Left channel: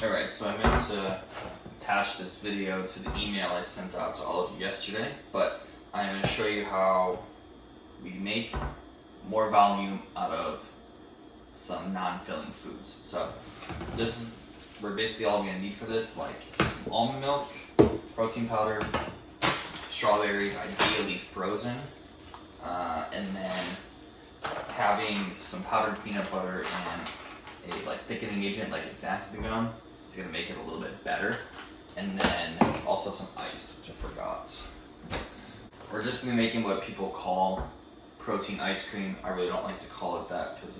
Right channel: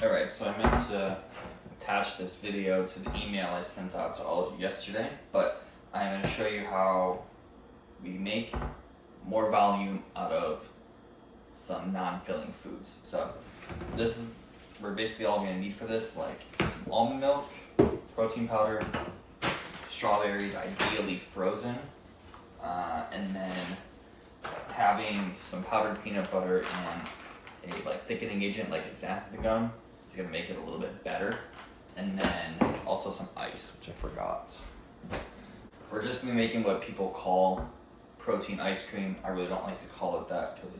Alright, so I meant to attach this video to the email I sent out to all of you yesterday, but I'm going to show you how we make more volume out of some non-filling foods. So this is, we're basically all we're going to need for this, like some almond milk, protein powder, strawberries, ideally frozen, and then having some powdered peanut butter and a thickening agent like xanthan gum is going to make it a little bit better. And then also some ice, which I forgot. We're just going to be making what people call protein ice cream. I really don't like to call it that because,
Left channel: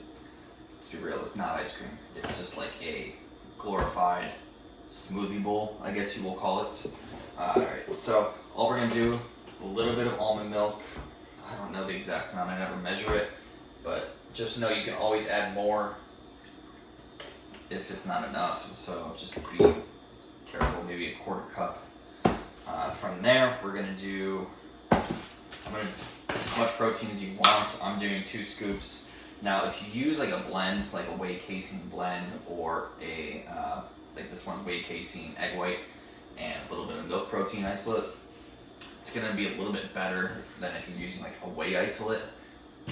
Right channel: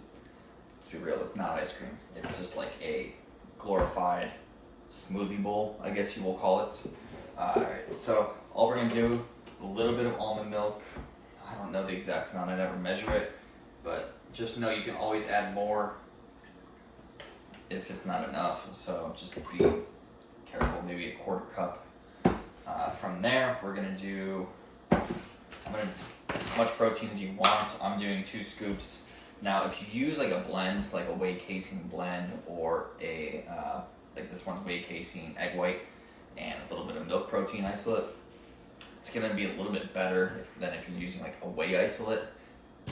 to be real, it's not ice cream. It's just like a glorified smoothie bowl, I guess you will call it. Alright, so all we're going to do, a little bit of almond milk. I don't know the exact amount, I never measure it, but just know you can always add more if it's not enough, so just be careful, maybe a quarter cup. From there, we're gonna do, as much protein as you want. I'm doing 2 scoops. Now, if you use like a blend, like a whey casein blend, or a, like this one's whey casein egg white, and a little bit of milk protein isolate, it's gonna be a little bit better than if you're using like a whey isolate.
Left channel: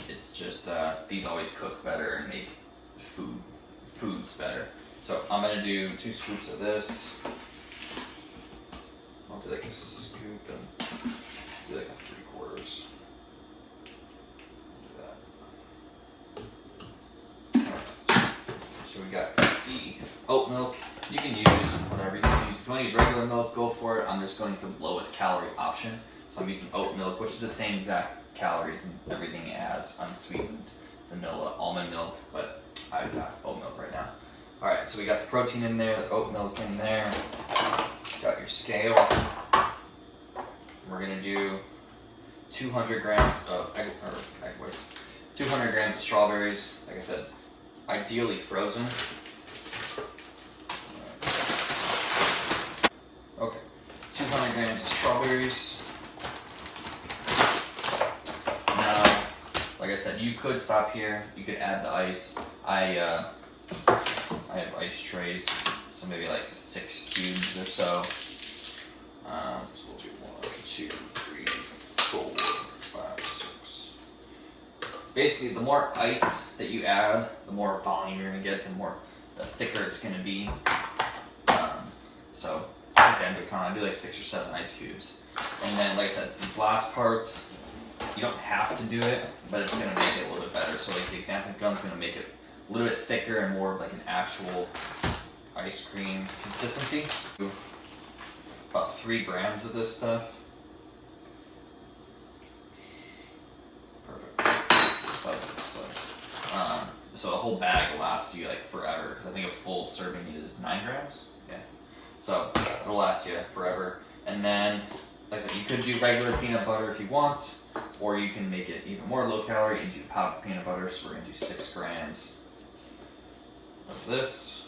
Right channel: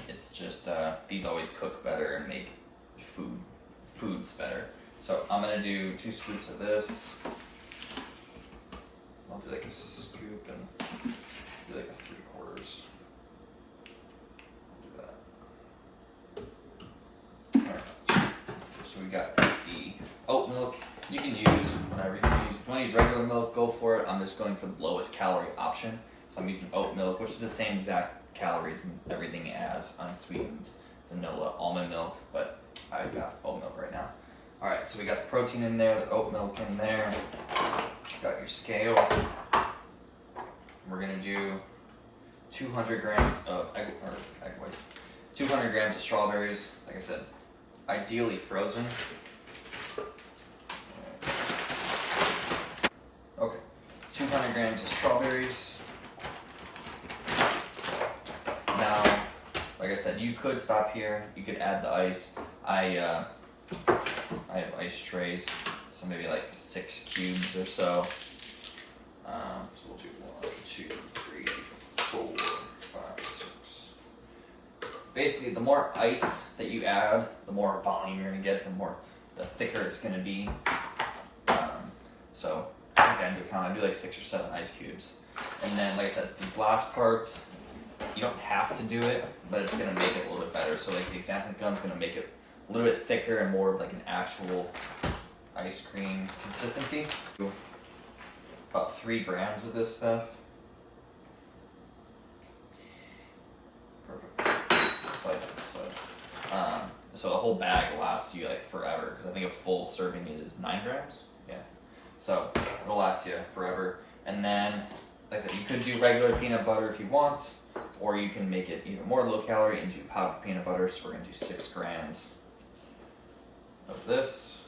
It's just, these always cook better and make foods better. So I'm gonna do 2 scoops of this. I'll do like a scoop and do like a 3/4. Do that. Alright. So we got the oat milk. You can use whatever you can use. If you want to use regular milk, go for it. I'm just going for the lowest calorie option. So I'm using oat milk, which is the same exact calories and everything as unsweetened vanilla almond milk, but I've got oat milk right now. Alright, so we got the protein in there, the oat milk in there. Got your scale. We're gonna do 200 grams of egg whites, 200 grams of strawberries. Like I said, ideally frozen. Okay, 200 grams of strawberries. Now, like I said, you could stop here. You could add the ice. I have ice trays, so maybe like 6 cubes or so. So we'll do 1, 2, 3, 4, 5, 6. Basically, the more ice that you add, the more volume you're gonna get, the thicker it's gonna be. So again, I do like 6 or 7 ice cubes, and then like I said, these last parts you don't have to do it, but it's gonna make it a little bit better. So like the xanthan gum is gonna make it a little bit thicker and more like an actual ice cream consistency. About 3 grams of this stuff. Perfect. Like so. So the whole bag lasts you like forever, because I think a full serving is 9 grams. Yeah. So it'll last you forever. And then, like I said, you could do regular peanut butter if you want, or you can make it even more low calorie and do powdered peanut butter. So we're gonna do 6 grams of this.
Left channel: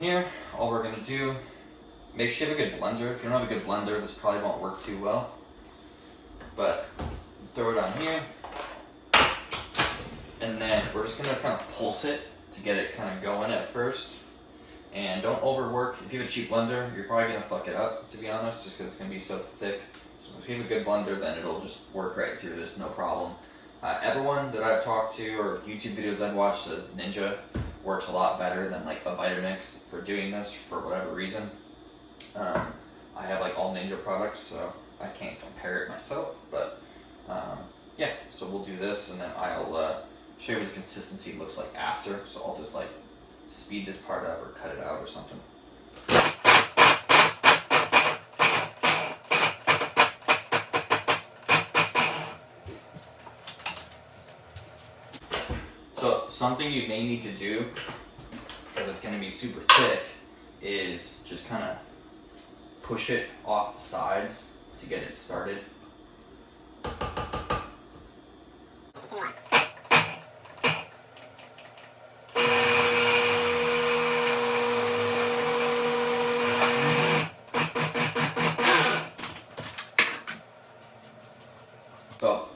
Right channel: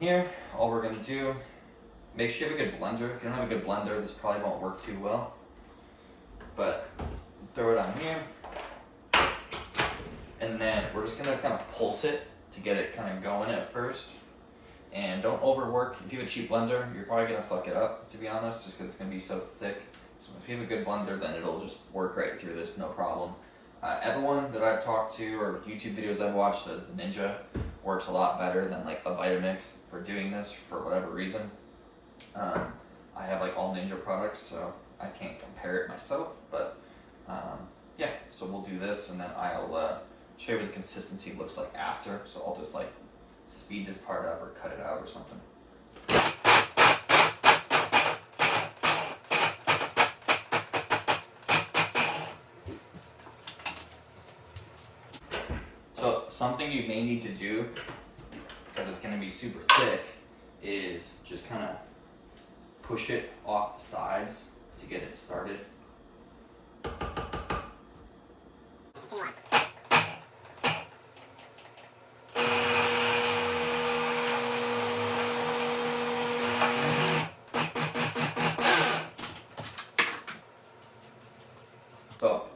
Here, all we're gonna do, make sure you have a good blender. If you don't have a good blender, this probably won't work too well. But throw it on here, and then we're just gonna kind of pulse it to get it kind of going at first. And don't overwork. If you have a cheap blender, you're probably gonna fuck it up, to be honest, just because it's gonna be so thick. So if you have a good blender, then it'll just work right through this, no problem. Everyone that I've talked to or YouTube videos I've watched says Ninja works a lot better than like a Vitamix for doing this for whatever reason. I have like all Ninja products, so I can't compare it myself, but yeah, so we'll do this, and then I'll show you what the consistency looks like after. So I'll just like speed this part up or cut it out or something. So something you may need to do, because it's going to be super thick, is just kind of push it off the sides to get it started. So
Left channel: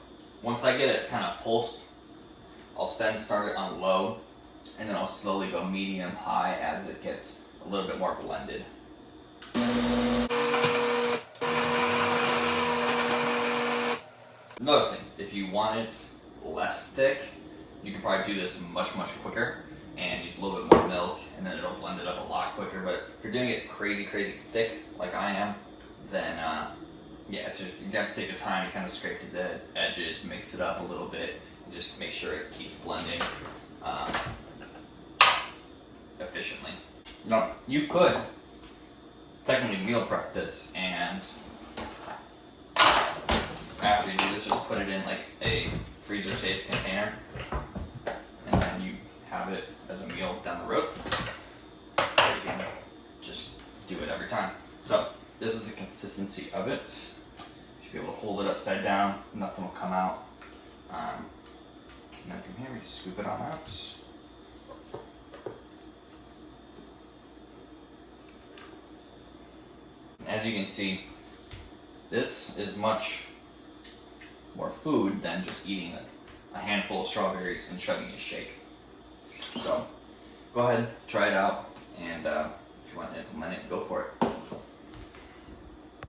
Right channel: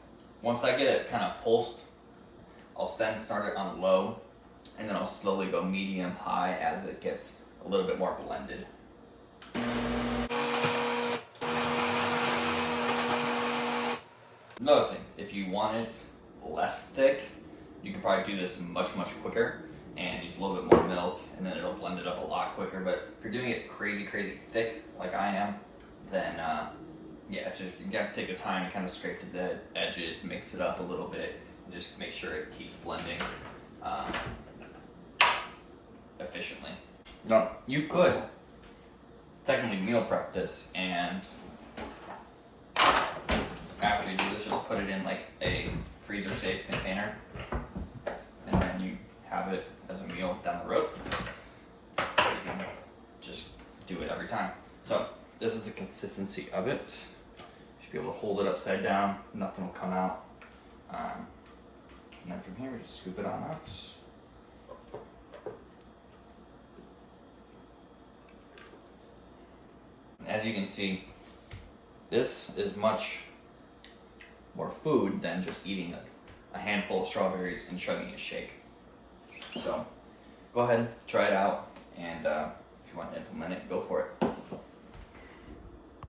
once I get it kind of pulsed, I'll then start it on low and then I'll slowly go medium high as it gets a little bit more blended. Another thing, if you want it less thick, you can probably do this much quicker and use a little bit more milk, and then it'll blend it up a lot quicker. But if you're doing it crazy thick like I am, then yeah, it's just, you gotta take the time to kind of scrape the edges, mix it up a little bit, and just make sure it keeps blending efficiently. Now, you could technically meal prep this, and after you do this, just put it in like a freezer safe container, and then you have it as a meal down the road. You can just do it every time. So this is the consistency of it. You should be able to hold it upside down, nothing will come out. And then from here we just scoop it on out. As you can see, this is much more food than just eating a handful of strawberries and chugging a shake. So go ahead, try it out, and if you want to implement it, go for it.